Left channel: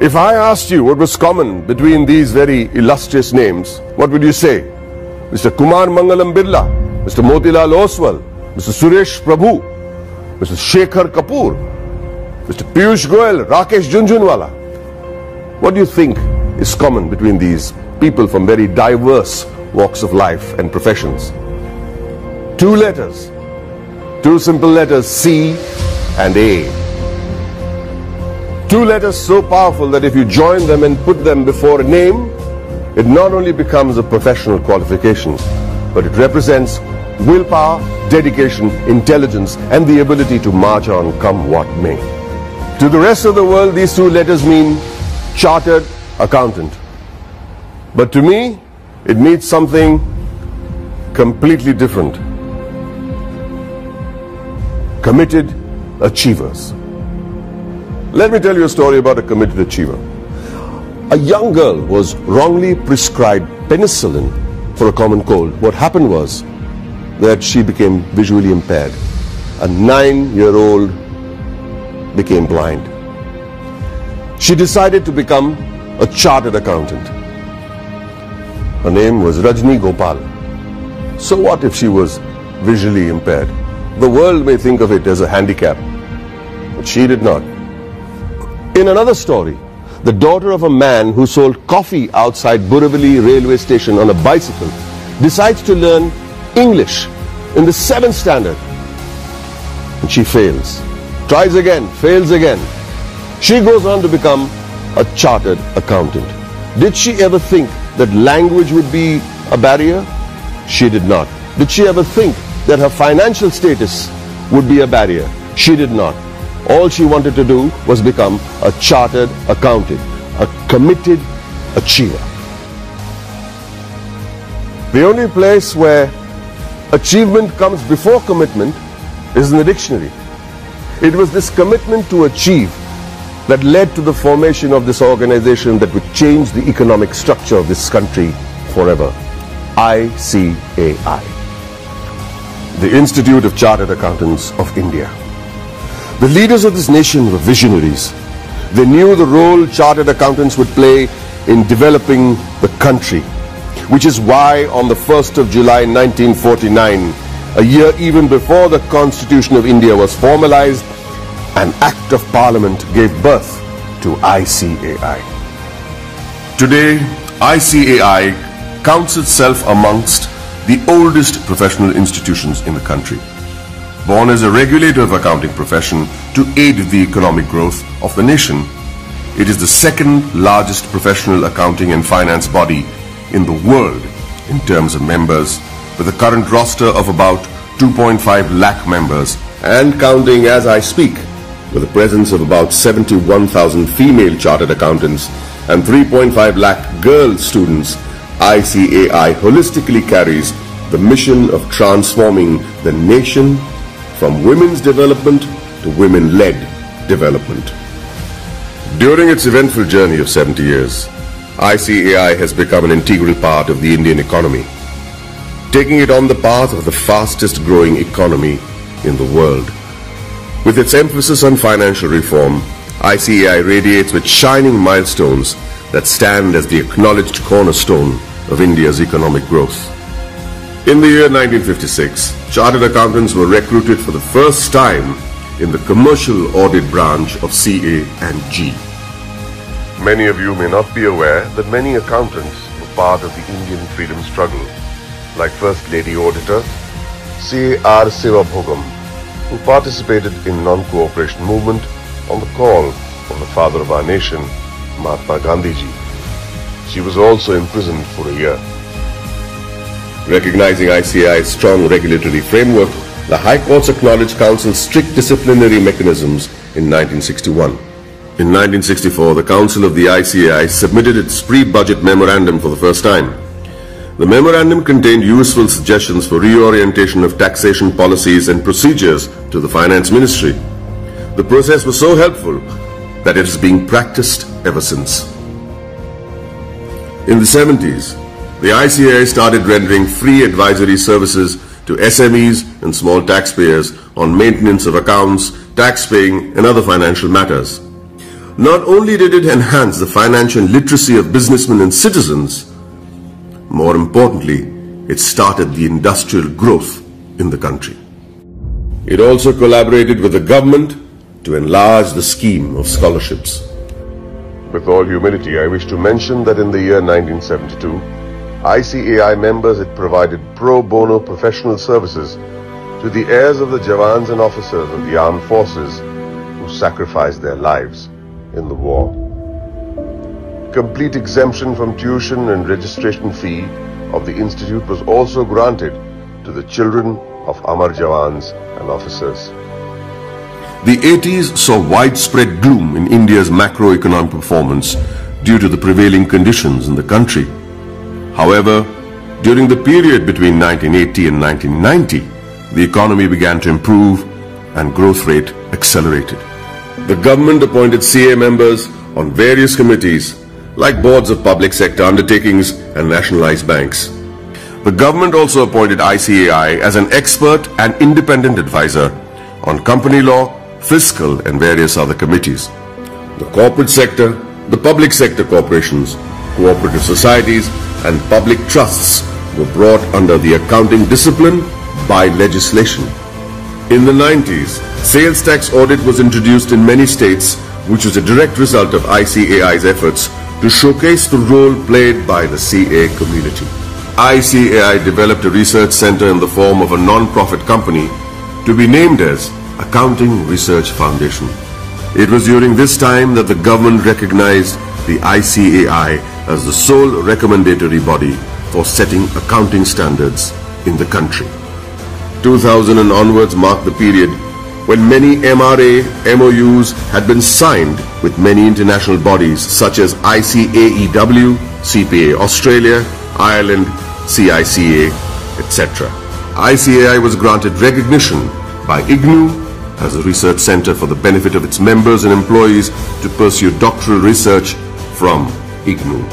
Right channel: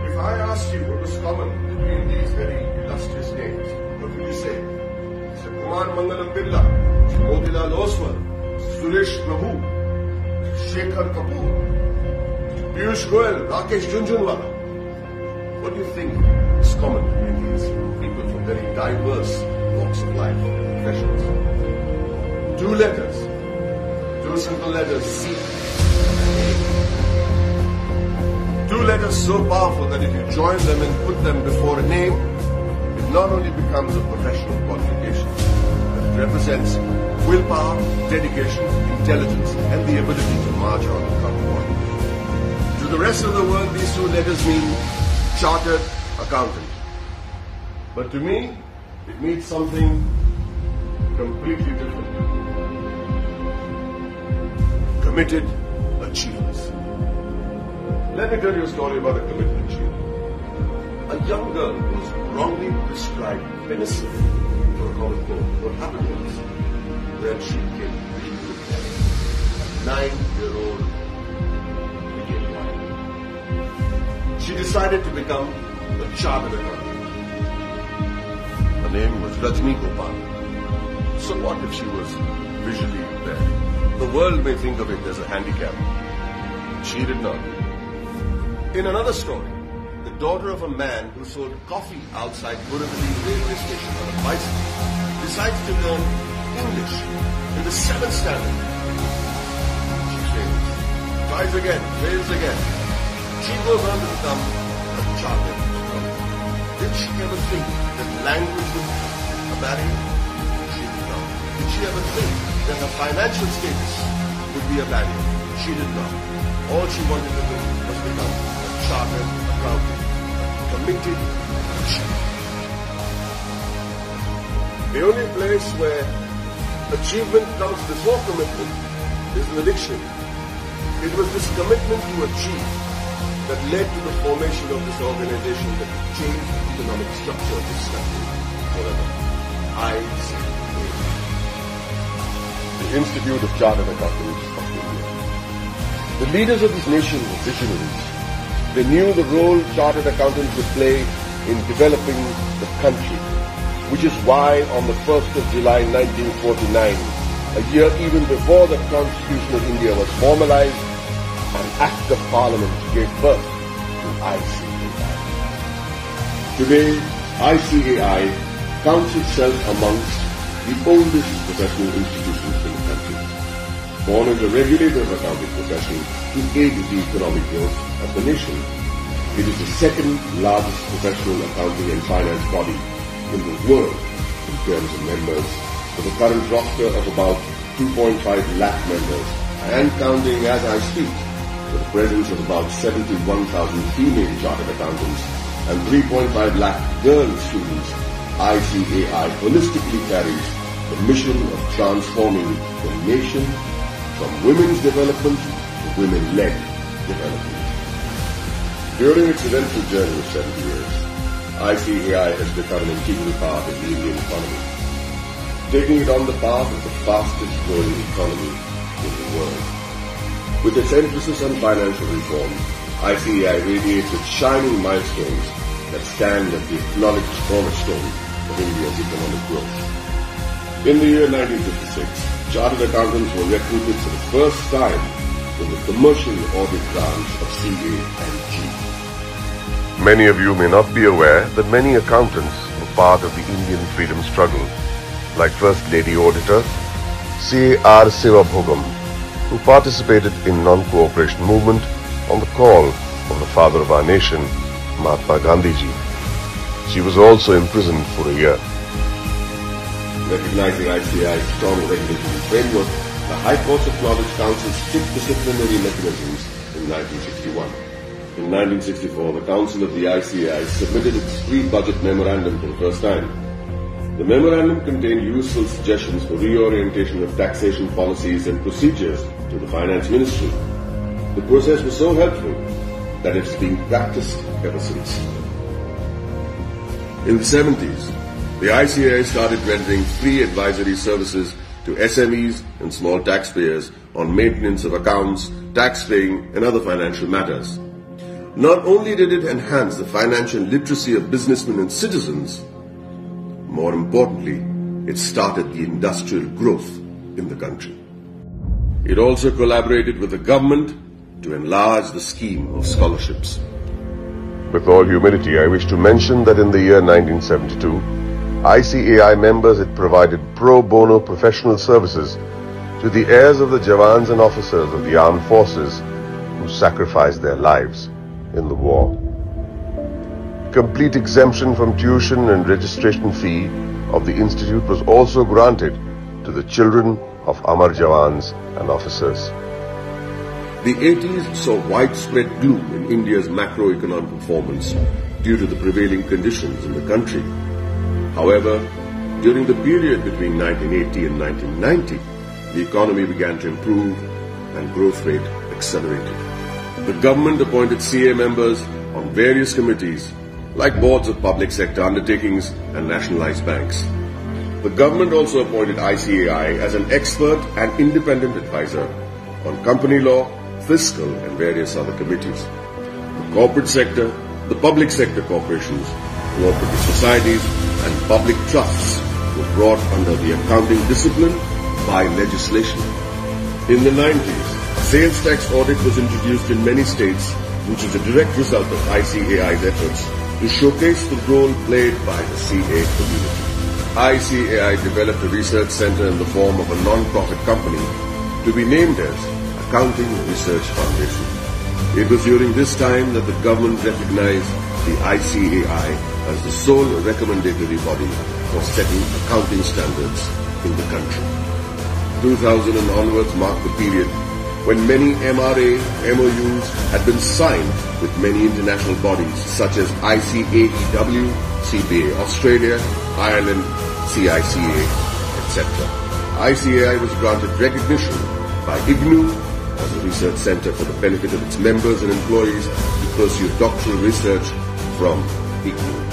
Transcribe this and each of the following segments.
If I asked you what was common between these very illustrious names, what would you say? Mr. Kumar Mangalam Birla, Mr. Motilal Oswal, Mr. Suresh Prabhu, Mr. Shekhar Kapoor, Mr. Piyush Goyal, Rakesh Jhunjhunwala. What do you think is common between these people from very diverse walks of life and professions? Two letters, two simple letters, C and A. Two letters so powerful that if you join them and put them before a name, it not only becomes a professional qualification, but it represents willpower, dedication, intelligence, and the ability to march on come what may. To the rest of the world, these two letters mean chartered accountant. But to me, it means something completely different. Committed achievers. Let me tell you a story about a committed achiever. A young girl was wrongly prescribed penicillin for a common cold. What happened was that she became visually impaired. A 9-year-old became blind. She decided to become a chartered accountant. Her name was Rajni Gopal. So what if she was visually impaired? The world may think of it as a handicap, but she did not. In another story, the daughter of a man who sold coffee outside Borivali railway station on a bicycle decides to learn English in the 7th standard. And she fails. Tries again, fails again. She goes on to become a chartered accountant. Did she ever think that language would be a barrier? She did not. Did she ever think that her financial status would be a barrier? She did not. All she wanted to do was become a chartered accountant, a committed achiever. The only place where achievement comes before commitment is in the dictionary. It was this commitment to achieve that led to the formation of this organization that would change the economic structure of this country forever. ICAI, the Institute of Chartered Accountants of India. The leaders of this nation were visionaries. They knew the role chartered accountants would play in developing the country, which is why on the 1st of July 1949, a year even before the Constitution of India was formalized, an Act of Parliament gave birth to ICAI. Today, ICAI counts itself amongst the oldest professional institutions in the country. Born as a regulator of accounting profession to aid the economic growth of the nation, it is the second largest professional accounting and finance body in the world in terms of members, with a current roster of about 2.5 lakh members and counting as I speak, with a presence of about 71,000 female chartered accountants and 3.5 lakh girl students. ICAI holistically carries the mission of transforming the nation from women's development to women-led development. During its eventful journey of 70 years, ICAI has become an integral part of the Indian economy, taking it on the path of the fastest growing economy in the world. With its emphasis on financial reform, ICAI radiates with shining milestones that stand as the acknowledged cornerstone of India's economic growth. In the year 1956, chartered accountants were recruited for the first time in the commercial audit branch of CA&G. Many of you may not be aware that many accountants were part of the Indian freedom struggle, like First Lady Auditor C.R. Sivabhogam, who participated in non-cooperation movement on the call of the father of our nation, Mahatma Gandhiji. She was also imprisoned for a year. Recognizing ICAI's strong regulatory framework, the High Courts acknowledged Council's strict disciplinary mechanisms in 1961. In 1964, the Council of the ICAI submitted its pre-budget memorandum for the first time. The memorandum contained useful suggestions for reorientation of taxation policies and procedures to the Finance Ministry. The process was so helpful that it is being practiced ever since. In the 70s, the ICAI started rendering free advisory services to SMEs and small taxpayers on maintenance of accounts, tax paying and other financial matters. Not only did it enhance the financial literacy of businessmen and citizens, more importantly, it started the industrial growth in the country. It also collaborated with the government to enlarge the scheme of scholarships. With all humility, I wish to mention that in the year 1972, ICAI members had provided pro bono professional services to the heirs of the Jawans and officers of the armed forces who sacrificed their lives in the war. Complete exemption from tuition and registration fee of the institute was also granted to the children of Amar Jawans and officers. The 80s saw widespread gloom in India's macroeconomic performance due to the prevailing conditions in the country. However, during the period between 1980 and 1990, the economy began to improve and growth rate accelerated. The government appointed CA members on various committees like boards of public sector undertakings and nationalized banks. The government also appointed ICAI as an expert and independent advisor on company law, fiscal and various other committees. The corporate sector, the public sector corporations, cooperative societies and public trusts were brought under the accounting discipline by legislation. In the 90s, sales tax audit was introduced in many states, which was a direct result of ICAI's efforts to showcase the role played by the CA community. ICAI developed a research center in the form of a non-profit company to be named as Accounting Research Foundation. It was during this time that the government recognized the ICAI as the sole recommendatory body for setting accounting standards in the country. 2000 and onwards marked the period when many MRA MOUs had been signed with many international bodies such as ICAEW, CPA Australia, Ireland, CICA, etc. ICAI was granted recognition by IGNU as a research center for the benefit of its members and employees to pursue doctoral research from IGNU.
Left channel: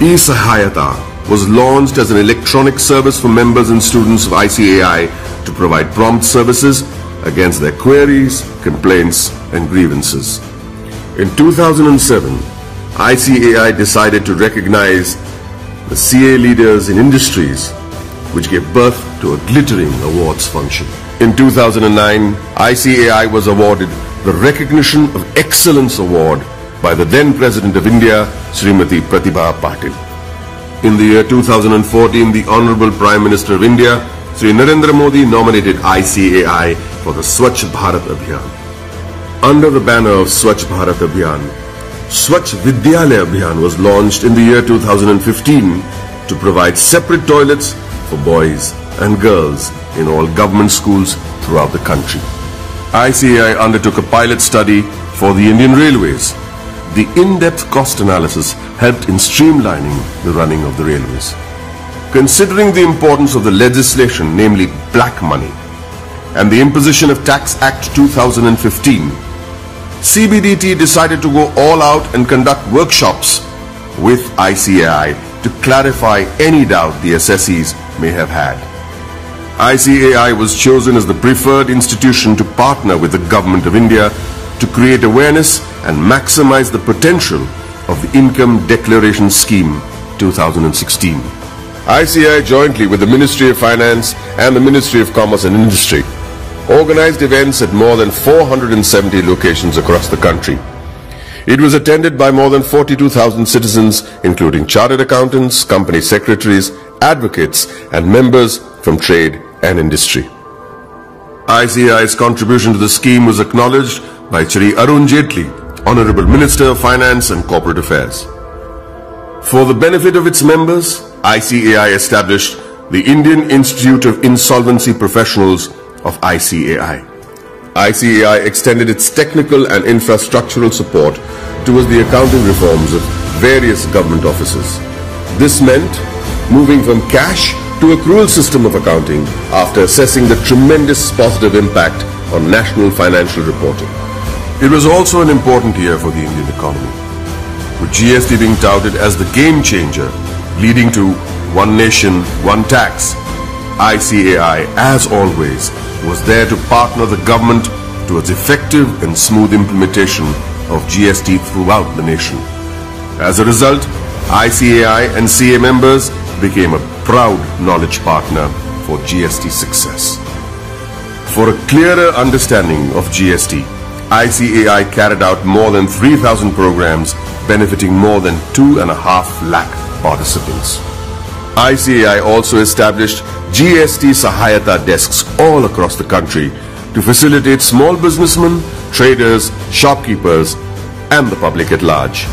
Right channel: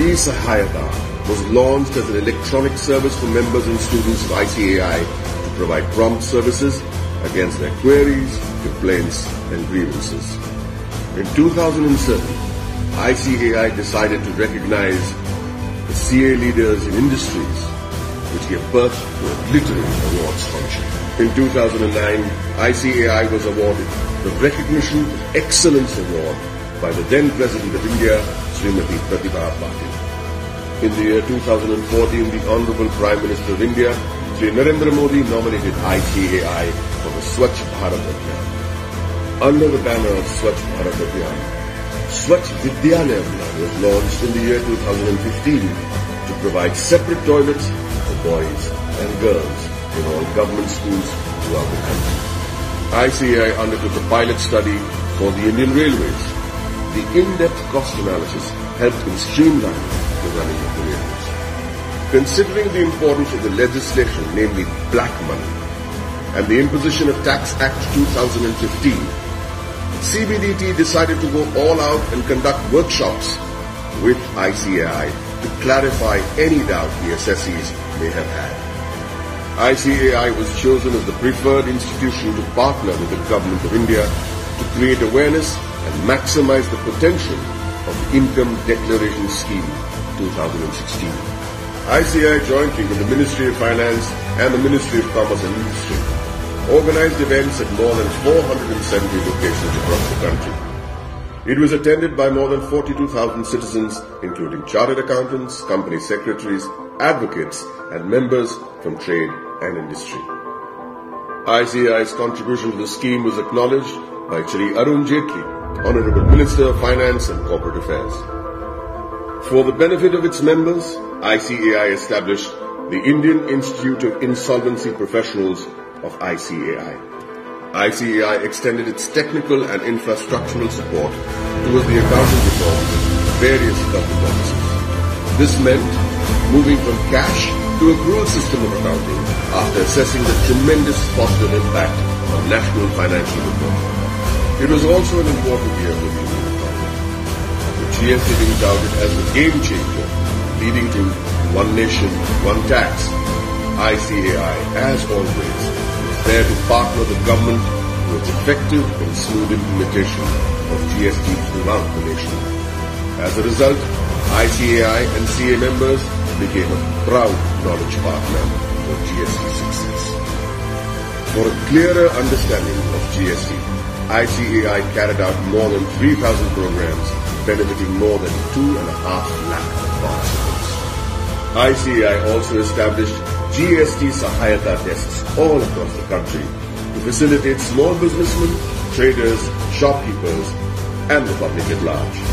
E-Sahayata was launched as an electronic service for members and students of ICAI to provide prompt services against their queries, complaints and grievances. In 2007, ICAI decided to recognize the CA leaders in industries, which gave birth to a glittering awards function. In 2009, ICAI was awarded the Recognition of Excellence Award by the then President of India, Srimati Pratibha Patil. In the year 2014, the Honorable Prime Minister of India, Sri Narendra Modi, nominated ICAI for the Swachh Bharat Abhiyan. Under the banner of Swachh Bharat Abhiyan, Swachh Vidyalaya Abhiyan was launched in the year 2015 to provide separate toilets for boys and girls in all government schools throughout the country. ICAI undertook a pilot study for the Indian Railways. The in-depth cost analysis helped in streamlining the running of the railways. Considering the importance of the legislation, namely black money, and the imposition of Tax Act 2015, CBDT decided to go all out and conduct workshops with ICAI to clarify any doubt the assessees may have had. ICAI was chosen as the preferred institution to partner with the Government of India to create awareness and maximize the potential of the Income Declaration Scheme 2016. ICAI, jointly with the Ministry of Finance and the Ministry of Commerce and Industry, organized events at more than 470 locations across the country. It was attended by more than 42,000 citizens, including chartered accountants, company secretaries, advocates, and members from trade and industry. ICAI's contribution to the scheme was acknowledged by Shri Arun Jaitley, Honorable Minister of Finance and Corporate Affairs. For the benefit of its members, ICAI established the Indian Institute of Insolvency Professionals of ICAI. ICAI extended its technical and infrastructural support towards the accounting reforms of various government offices. This meant moving from cash to accrual system of accounting after assessing the tremendous positive impact on national financial reporting. It was also an important year for the Indian economy, with GST being touted as the game changer, leading to one nation, one tax. ICAI, as always, was there to partner the government towards effective and smooth implementation of GST throughout the nation. As a result, ICAI and CA members became a proud knowledge partner for GST success. For a clearer understanding of GST, ICAI carried out more than 3,000 programs benefiting more than 2.5 lakh participants. ICAI also established GST Sahayata desks all across the country to facilitate small businessmen, traders, shopkeepers, and the public at large.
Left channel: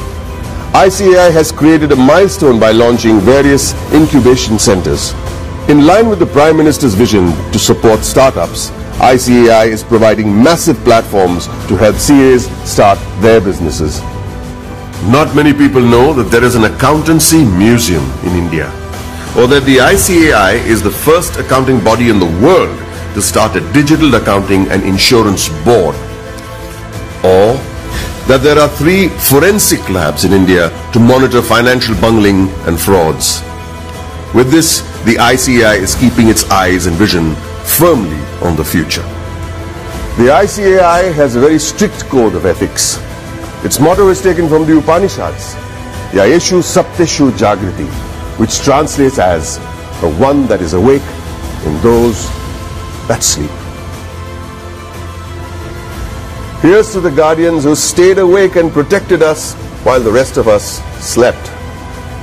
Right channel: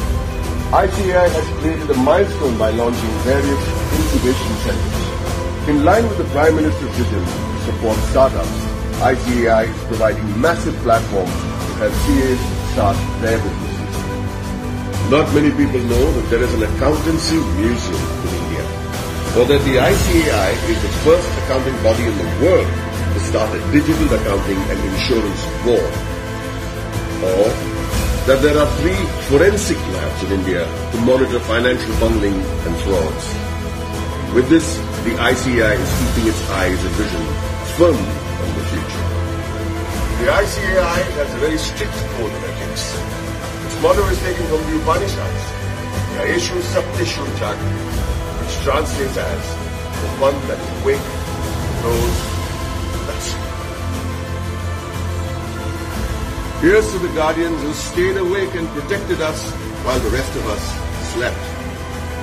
ICAI has created a milestone by launching various incubation centers. In line with the Prime Minister's vision to support startups, ICAI is providing massive platforms to help CAs start their businesses. Not many people know that there is an accountancy museum in India, or that the ICAI is the first accounting body in the world to start a digital accounting and insurance board, or that there are 3 forensic labs in India to monitor financial bungling and frauds. With this, the ICAI is keeping its eyes and vision firmly on the future. The ICAI has a very strict code of ethics. Its motto is taken from the Upanishads, Yayeshu Sapteshu Jagriti, which translates as the one that is awake in those that sleep. Here's to the guardians who stayed awake and protected us while the rest of us slept.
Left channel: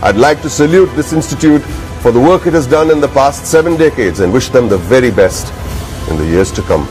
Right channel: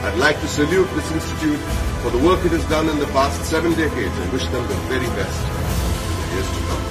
I'd like to salute this institute for the work it has done in the past 7 decades and wish them the very best in the years to come.